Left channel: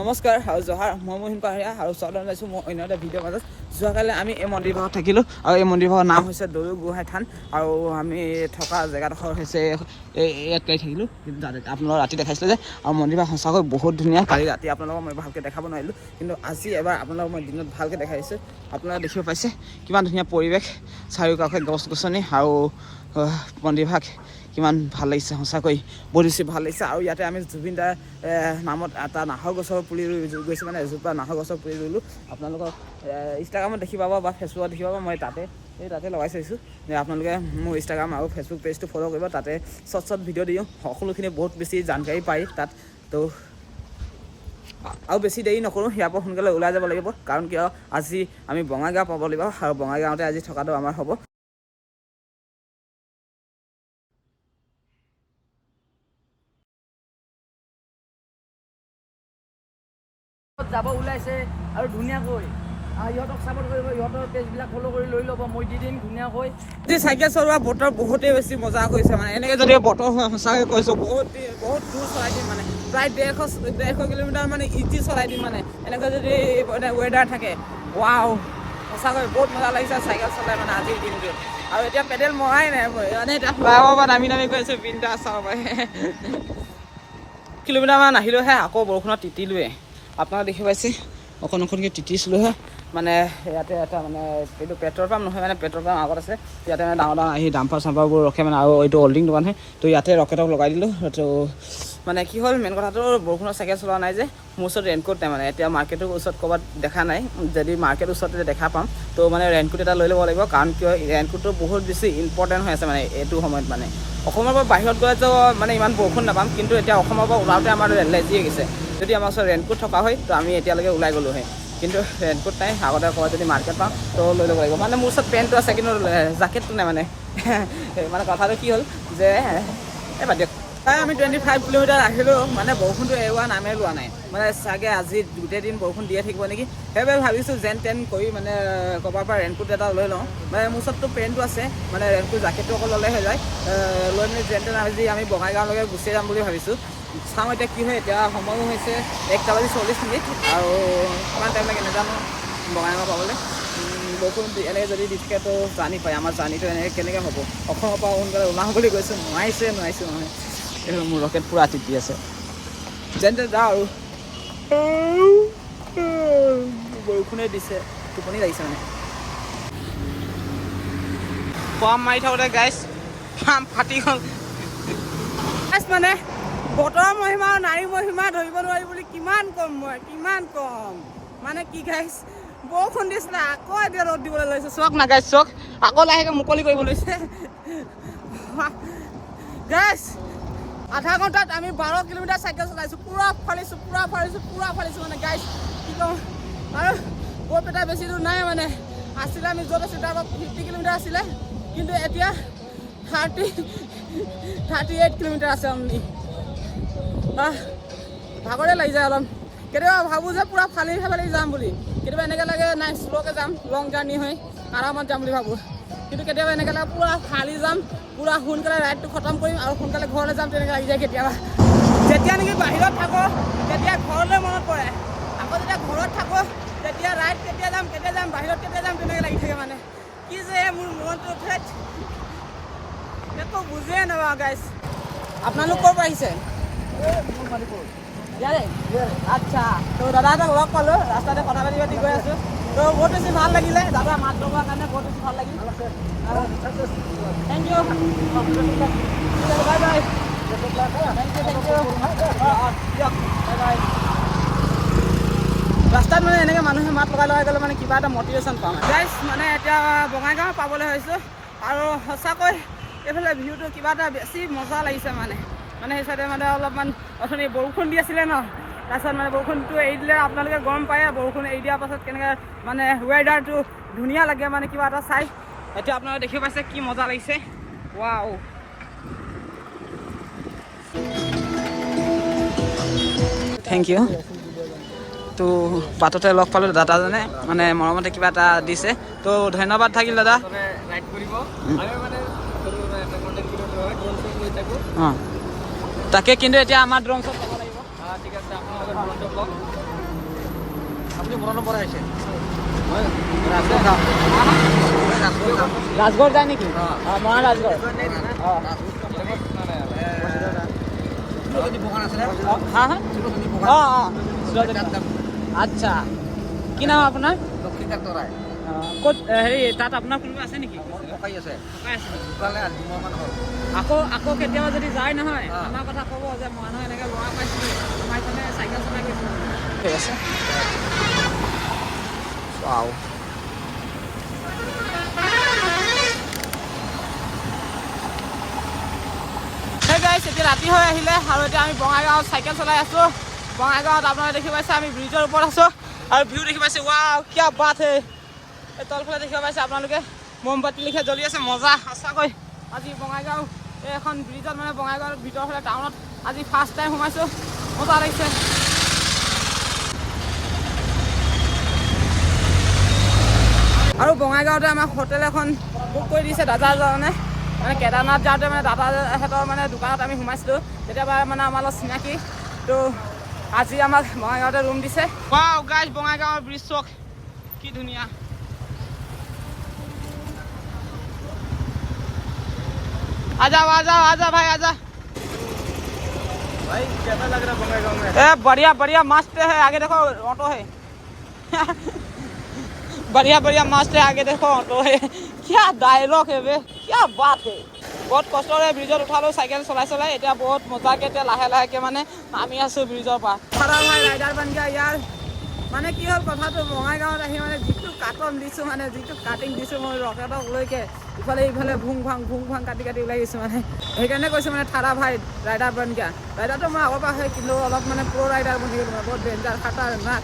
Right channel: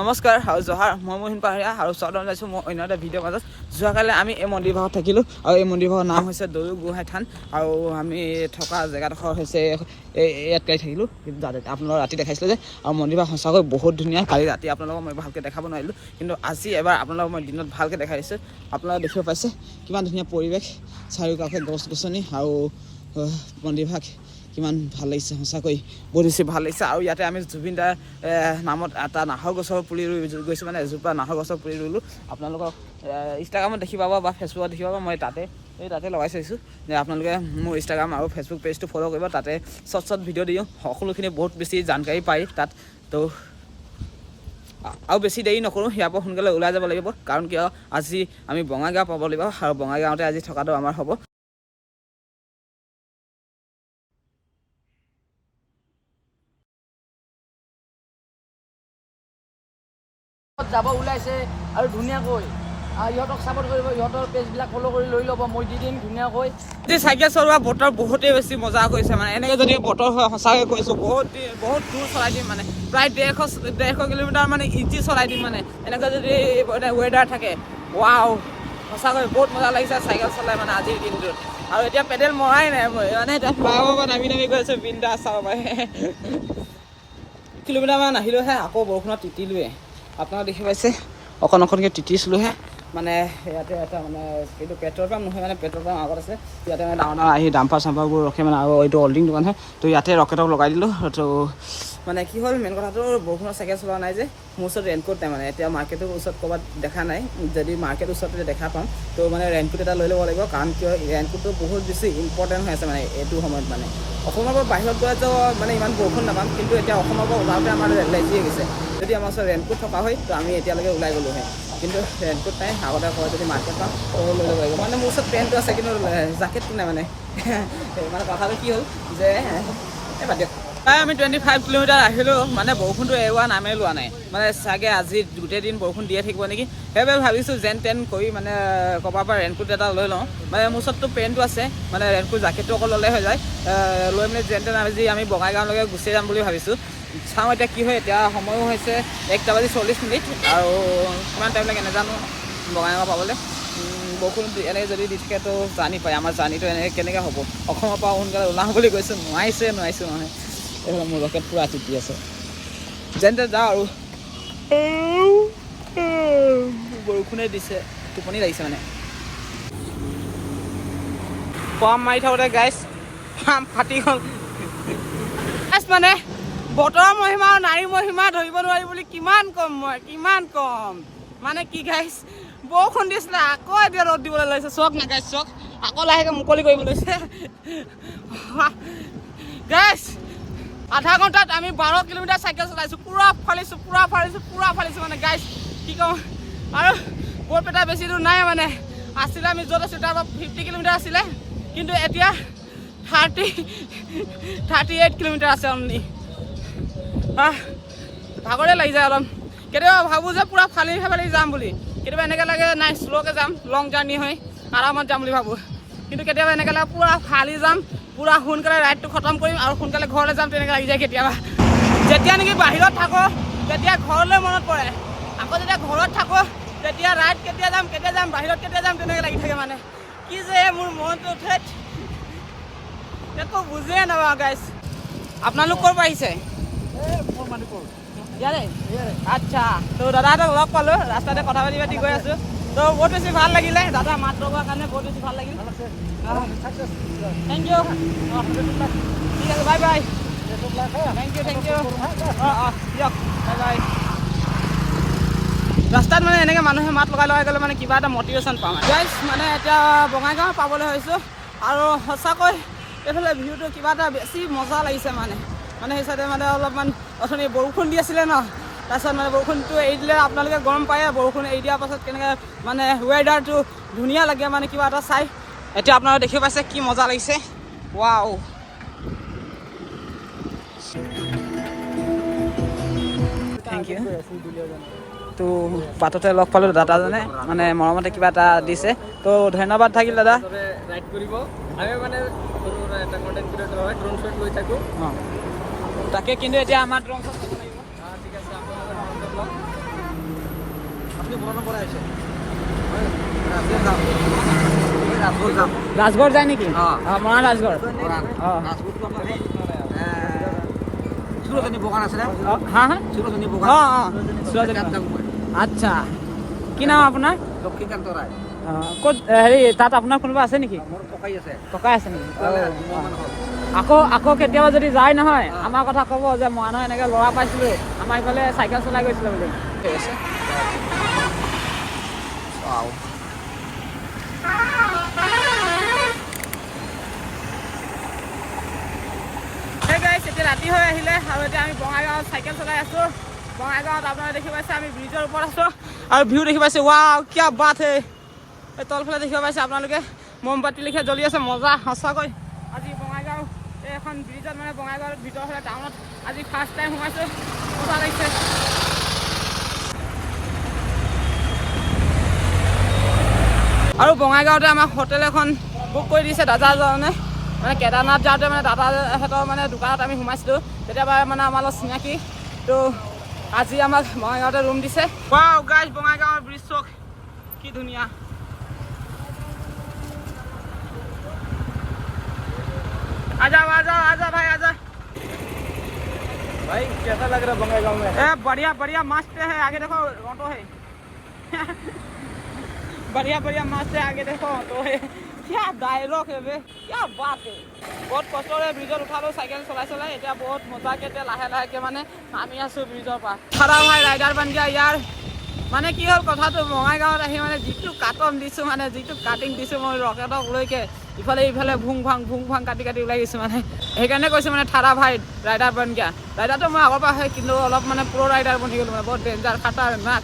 নমস্কাৰ আৰু জহাৰ মই মহিম পাহাৰীয়া আৰু স্বাগতম জনাইছোঁ মই অন্য এটা ভিডিঅ'ৰ মাজত। যোৱাকালি আমি এই মন্দিৰ ভাগত থাকিলোঁ আৰু এই মন্দিৰ ভাগৰ নাম হৈছে দৌল গোহাঁই থান আৰু আমি থকা জেগাডোখৰ হৈছে ইয়াত থাকিলোঁ। কিন্তু আপোনালোকক ৰাতি দেখাইছিলোঁ যে আৰু মন্দিৰ ভাগ সঁচাকৈ বহুত ধুনীয়া। কালি ৰাতি আপোনালোকক মই ভালকৈ দেখাব নোৱাৰিলোঁ, কিন্তু আজি এবাৰ আপোনালোকক মই দিনত ভালকৈ দেখাই দিছোঁ। আপোনালোকে দেখিব পাইছে কিমান ধুনীয়া পৰিৱেশ, চাৰিওকাষে গছ গছনি আৰু মন্দিৰ ভাগ কিমান ভাল লাগিছে, সঁচাকৈ বহুত বেছি ভাল লাগিছে। আৰু ইয়াতে আমি জুবিন দাৰ নামত এটা নাহৰ গছৰ পুলি ৰুই গৈছোঁ, মানে এজোপা নাহৰ গছৰ পুলি ৰুলোঁ। আপোনালোকক ইনষ্টাগ্ৰামত দেখি পাব বা ফেচবুকত দেখি পাব। মই তাতে লগাই থৈছোঁ যে আপোনালোকে মোৰ ইনষ্টাগ্ৰাম আৰু ফেচবুক পেজটো ফ'ল' কৰিব। তাতে শ্বৰ্ট ভিডিঅ' দিওঁ, সকলোখিনি বহুত বেছি জানকাৰী পায় তাত। তো আৰু বেছি দেৰি নকৰোঁ, ইয়াৰ পৰা সোনকালে ওলাই যাব লাগিব, কাৰণ কিয় আজি আমি বঙাইগাঁও পাব লাগিব আৰু বঙাইগাঁৱতে আজি থকাটো আমাৰ হ'ব। যাব ওলাইছে আৰু ধুনীয়াকৈ ইহঁতক ছাপোৰ্ট কৰিব, ইহঁতৰ পেজবিলাক ফ'ল' কৰি লৈ ল'ব, মই দি দিম ধুনীয়াকৈ। আজি চাইকেল চলোৱা বতৰ বহুতেই বেছি মজা কৰিছে, মানে এনেকৈ যদি বতৰ হয় সঁচাকৈ কৈছোঁ বহুত দূৰ চলাই দিম, মানে প্ৰায় 150 কিলোমিটাৰ মানে ইজি চলাই দিম, মানে এনেকৈ যদি মানে ৱেডাৰ থাকে। ৱাও, সঁচাকৈ বহুত মজা লাগিছে চাইকেল চলাই মানে আজিৰ দিনটোত। আৰু এতিয়া পেডেল মৰাই নাই মই, মানে এতিয়া ফ্লাইঅভাৰৰ পৰা নামি গৈ আছোঁ বিন্দাছ চাব পাৰে। কিলোমিটাৰমান আহিলোঁহে, আকৌ বৰষুণত তিতিলোৱে। আপোনালোকে দেখি পাইছে অকণকৈ তিতিছিলোঁহে। মানে ইয়াতে এটা মানে এইটো পেট্ৰল পাম্প নহয়, মানে পেট্ৰল পাম্প আগত আছে। ইয়াতে মানে ডাঙৰ আহি ডাম্পাৰ চাম্পাৰবোৰ ৰখে মানে, আৰু এইটো হল্ডিং দোকানহে। তো ইয়াতে ৰকেটক লগাই দিলোঁ। তো মানে কি হ'ল মেইন কথাটো, বৰষুণৰ চাইকেল চলোৱা নাই যে, মোৰ ওচৰত ৰেইনকোট নাই। মানে এতিয়া মাৰ্কেটৰ ওচৰত ক'ৰবাত দেখা নাই, যদি মাৰ্কেটৰ ওচৰতে দেখা পাম তো মানে ৰেইনকোট এটা লৈ ল'ব লাগিব, কাৰণ কিয় ৰেইনকোটটো বহুত বেছি ইম্পৰ্টেণ্ট হৈ আছে মানে এইটো সময়ত। মানে অসমৰ পৰা বাহিৰত গ'লেতো মানে ইমান বৰষুণ নাপাম, কিন্তু এতিয়া অসমৰ পৰা ওলাওঁতে আমাৰ লেজি হৈ গৈছে। যদি আমাৰ ওচৰত ৰেইনকোট থকা হয় তো আমি এতিয়ালৈকে ওলাই গ'লোহে, কিন্তু ৰেইনকোট নাই। আগতে কয় যদি মাৰ্কেট পাওঁ তো লৈ ল'ব লাগিব। মানে মোৰ ওচৰত পেণ্টটো আছে কিন্তু জাকেটটো নাই মানে। মানে কথাটো কি হ'ল যে বাদ দিয়ক। প্ৰায় আমি 25 কিলোমিটাৰ আহিলোঁ, মানে বৰষুণটো এৰোৱা নামেই লোৱা নাই। মানে চাগে আজি গোটেই দিন বৰষুণ দিয়ে থাকিব নেকি, সেইবাবে ভাবিছোঁ যেন তেন কৰি মানে ক'ৰবাৰ পৰা ৰেইনকোট এটা লৈ লওঁ। মানে মোৰ ওচৰততো পেণ্টটো আছে, মানে ৰেইনকোট জাকেটটো অকল ল'লে হৈ যায়। লৈ মেলি যেন তেন আজি আমি বঙাইগাঁৱলৈকে গুচি যাম বুলি ভাবিছোঁ। চাওঁ এতিয়া কি হয়। এতিয়া সময়ো হৈছে 1:40 আৰু কিমান টাইম লাগে নাজানো বঙাইগাঁও পাবলৈ। বৰষুণ এনেকৈ যদি দি থাকে তো জানি পায় আমাৰ জাৰ্ণিটো এনেকৈ কেনেকৈ হ'ব। অসমৰ পৰা সোনকালে ওলাওঁ বুলি কৈছোঁ, নোৱাৰিছোঁ নহয়। এইফালে মোৰ ৰকেট পূৰা তিতি আছে, যেন তেন যাওঁ আৰু। বৰষুণে দিছে, টোপনি লাগিছে মানে। পাম মাৰি থাকোঁতে গাইছ পাম ফাটি গ'ল। মানে বতৰৰ মহিমা আৰু নাৰীৰ মহিমা ধৰিব নোৱাৰি বুলি কিমান ক'ম মানে কি গাইছ, বৰষুণ দিছিলে আকৌ এতিয়া ৰ'দ দিবলৈ লৈছে। চক না গাইছ, চক আকৌ লাহেকৈ মুকলি কৰিব লৈছে গাইছ। আধা ঘণ্টাত আমি 12 কিলোমিটাৰ চাইকেল চলাইছোঁ, পূৰা ফালিছোঁ মানে গাইছ, কি ক'ম। আৰু বৰপেটা বেছি দূৰ নাই, মানে আছিলে আমি য'ত আছিলোঁ তাৰ পৰা 50 কিলোমিটাৰ আছিলে, কিন্তু এতিয়া 38 কিলোমিটাৰ আছে অনলি। ভাগৰে লাগি যায় অলপ। কেতিয়াবা ভাবোঁ যে পূৰা ফালি যাম বুলি, কেতিয়াবা এনেকৈ লাগে নাই শ্ল'কৈ যাম, লং জাৰ্ণি হয় আৰামত যাম বুলি ভাবোঁ। কিন্তু কেতিয়াবা এনেকৈ লাগে পূৰা ফালি যাম, পূৰা সোনকালে ৰাইডটো খতম কৰিম আৰু সোনকালে ঘৰলৈ যাম, তেনেকৈ লাগি যায় কেতিয়াবা। যেতিয়া নেকি বাহিৰত থাকোঁ তেতিয়া ঘৰলৈ মনত পৰে, আকৌ যেতিয়া ঘৰত থাকোঁ তেতিয়া ৰাইড কেতিয়া যাম বাহিৰত কেতিয়া যাম তেনেকৈ লাগি থাকে। মানে কি যে মোৰ মনটো উঠে একো বুজিয়ে নাপাওঁ গাইছ। আপোনালোক ক'ৰ পৰা আহিছে? ইয়াৰে আচ্ছা। তো দাদাহঁতক লগ পালোঁ, ৰাস্তাতে কথা পাতি গৈ আছোঁ। তো বহুত বেছি ভাল লাগিলে, দাদা মাত লগোৱাৰ কাৰণে বহুত বেছি ভাল লাগিল। Thank you. ঠিক আছে, বাই বাই। Thank U. দিয়ক, বাই বাই। ৰাস্তাত মানে এনেকৈ মানুহে মাত লগাই গ'লে মানে কিবা এটা মটিভেশ্যন পাওঁ গাইছ। মানে এতিয়া বঙাইগাঁও পাবলৈ হৈছোঁ আৰু সঁচাকৈ এইফালে ভিউটো কিবা এটা বেছি মজা লাগিছে। মানে সেই চাইডে মানে অলপমান অথনি বৰষুণ দি আছিলে ন, তাৰপিছত মানে বৰষুণটো এৰি দিলে। আপোনালোকে গম পায়ে বৰষুণ এৰি দিয়াৰ পাছত কেনেকৈ মানে ৱেডাৰটো ধুনীয়া লাগে, মানে কিবা এটা চাই। এতিয়া আপোনালোকে দেখিব পাইছে কি মজা লাগিছে। Wow, thank you. তো বাটতে লগ পালোঁ দাদাজনে, মানে মৰমতে কিবা এটা দিছে, তো ধন্যবাদ থাকিল দাদা। অঁ তাকে, কিন্তু এতিয়া আমাৰ ড্ৰোন শ্বট ল'ব লাগিব। আপুনি ঘৰৰ নম্বৰ আহিছে ৰাজগড় যায় নেকি মৰাণ ৰাজগড় বগান আছিলে বগান আচ্ছা কি নাম আপোনাৰ লক্ষীকান্ত ৰায় ক'ত হেৰি তাত আপোনাৰ কোনোবা আছে নেকি মোৰ ককাই আছে ককাই আছে নেকি 2 মাহমান হ'ল আকৌ কেতিয়াবা যদি যায় নহয় আমাৰ কথা ক'ব যে মৰাণৰ এনেকৈ ল'ৰা পাইছিলোঁ আমাৰ এইফালে চাইকেল চলাই গৈছিলে বুলি ঠিক আছে এতিয়া ৰাতি হৈ আহিলে আৰু এতিয়া আমি বঙাইগাঁৱত চাইকেল চলাই আছোঁ বঙাইগাঁৱত আপোনালোকে দেখি পাইছে আমি ব্ৰিজৰ ওপৰত আছোঁ আৰু ভিউ দেখি পাইছে ৱাও কিয়া বাত হে তলফালে দেখিব পাইছে আপোনালোকে মমবাতি লিখা জ্বলি আছে মজা সঁচাকৈ আজি বঙাইগাঁও এখন ব্ৰিজত মানে বঙাইগাঁৱৰ ভিতৰ ফালে টাউনত আজি ফাৰ্ষ্ট টাইম সোমাইছোঁ মজা লাগিছে আৰু বঙাইগাঁৱতে আমাক হোটেল এখন বুক কৰি দিছে দাদাজনে মানে কেদাৰনাথ যাওঁতে মানে দাদাহঁতৰ মানে দোকানত আমি সোমাইছিলোঁ তেতিয়াবা মানে আমাৰ লগত চিনাকি তো আজি আমাক বঙাইগাঁৱতে ৰুম দিছে ৱাও গাইজ বঙাইগাঁৱৰ ব্ৰিজ চক কি ধুনীয়া आजा भाई आजा ए बढ़िया मस्त है आगे देखो ऑटो है बढ़िया मस्त है आगे देखो ऑटो है क्या डायलॉग है बे क्या बात है बहुत कष्टरे ब्रिजत उठालो साइकेल चलाई एटा बहुत मजाके लाहे माने नामी आसो ब्रिजर पा खरा भाई राइडार बन गया यार মানে কি হ'ল কথাটো বঙাইগাঁৱত আহি মানে যিটো কাটন দিছোঁ মানে যিটো কাটিং দিছোঁ মই ৰকেটক লৈকে ইফালে ভুং ভাং কাটি ওলাই গৈছোঁ মানে সেইকাৰণে কৈছোঁ মানে ঠাৰা ভাই ৰাইডাৰ বন গিয়া ৰাইডাৰটো মই আগৰ পৰা আহে কিন্তু অলপ মানে প্ৰ' ৰাইডাৰ বনি গ'লোঁ মানে বহুত ডেঞ্জাৰ খাটাৰনাক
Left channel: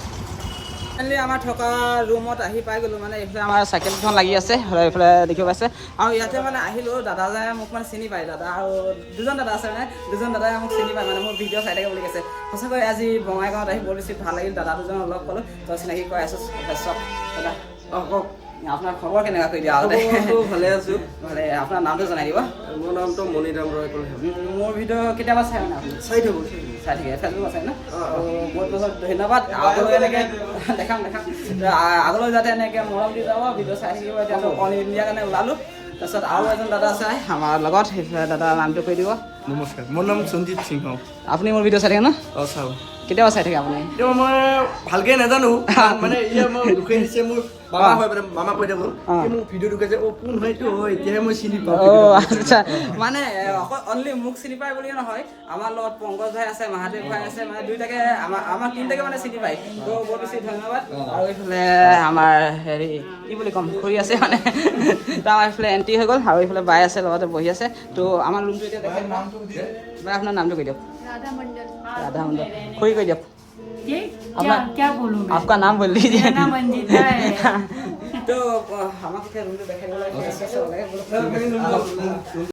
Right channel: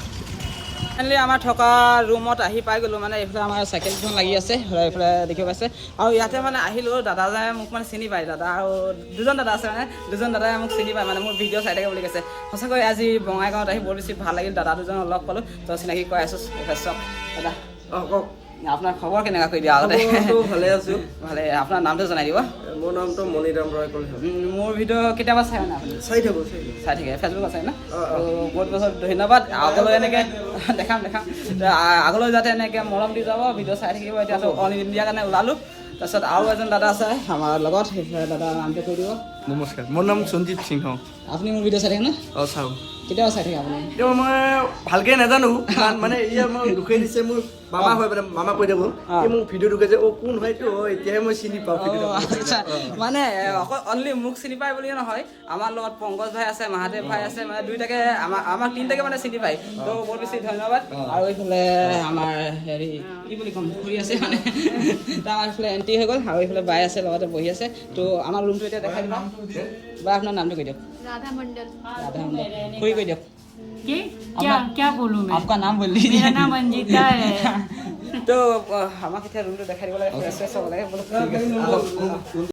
ফাইনেলি আমাৰ থকা ৰুমত আহি পাই গ'লোঁ মানে এইফালে আমাৰ চাইকেলখন লাগি আছে এইফালে দেখিব পাইছে আৰু ইয়াতে মানে আহিলোঁ দাদাজনে মোক মানে চিনি পায় দাদা আৰু দুজন দাদা আছে মানে দুজন দাদাই মোক চিনি পায় মানে মোৰ ভিডিঅ' চাই থাকে বুলি কৈছে সঁচাকৈ আজি বঙাইগাঁৱত আহি বৰ বেছি ভাল লাগিল দাদা দুজনক লগ পালোঁ তো চিনাকি কৈ আছোঁ চব দাদা কওক আপোনাৰ খবৰ কেনেকুৱা কৰি দিয়া আগতে ভালে আছোঁ ভালে আপোনাৰ নামটো জনাই দিব মোৰ নামটো মণিৰাম ৰয় মোৰ ভিডিঅ' কেতিয়াবা চাই মানে আপুনি চাই থাকোঁ চাই থাকে ফেচবুক আছে ন বহুত বহুত ধন্যবাদ আগলৈ এনেকৈ দেখাম আগলৈ যাতে এনেকৈ মৰম দি যাব ভিডিঅ' চাই থাকিব এতিয়াতো অল ইণ্ডিয়াৰ কাৰণে ওলালোঁ তাৰপিছত আৰু এজন দাদা আছে আমাৰ লগত সেইফালে দাদাৰ নামটো কৈ দিব নমস্কাৰ মোৰ নাম সঞ্জিত সিংহ আপুনি মোৰ ভিডিঅ' চাই থাকে ন অঁ চাওঁ কেতিয়াবা চাই থাকে আপুনি এতিয়া মই ভালকৈ নাজানো মানে ইয়াৰ মই দুখে দিছে মোৰ মামা হয় মানে মামা কৈ থাকোঁ মোক ভিডিঅ' দুখে যে কোন হয়তো এতিয়াহে মই চিনি পাওঁ আচ্ছা মানে অকল অনলি মোক চিনি পায় বুলিয়ে নহয় আমাৰ লগত পংকজ ভাই আছে মহাদেৱ ভাই আছে মানে দুইটাকে আমাৰ তিনিটাকে মানে চিনি পায় তো বহুত বেছি ধন্যবাদ আৰু এইফালে আমাৰ হেৰি কি বুলি ক'ম খুৰী আছে মানে তাৰ এইফালে এণ্ট্ৰি হৈ গ'ল আৰু এইফালে বাই আছে লগতে বহি আছে তো আমাৰ ৰুমটো এতিয়া দেখাই দিম বা আপোনাৰ নামটো কৈ দিয়ক राधा मंडल खुई कोई दियक ये क्या बोलूं मैं आपका नाम बोल दीजिए मेरा नाम अंजिता है तो हमारे रूम तो दिखाई वाला है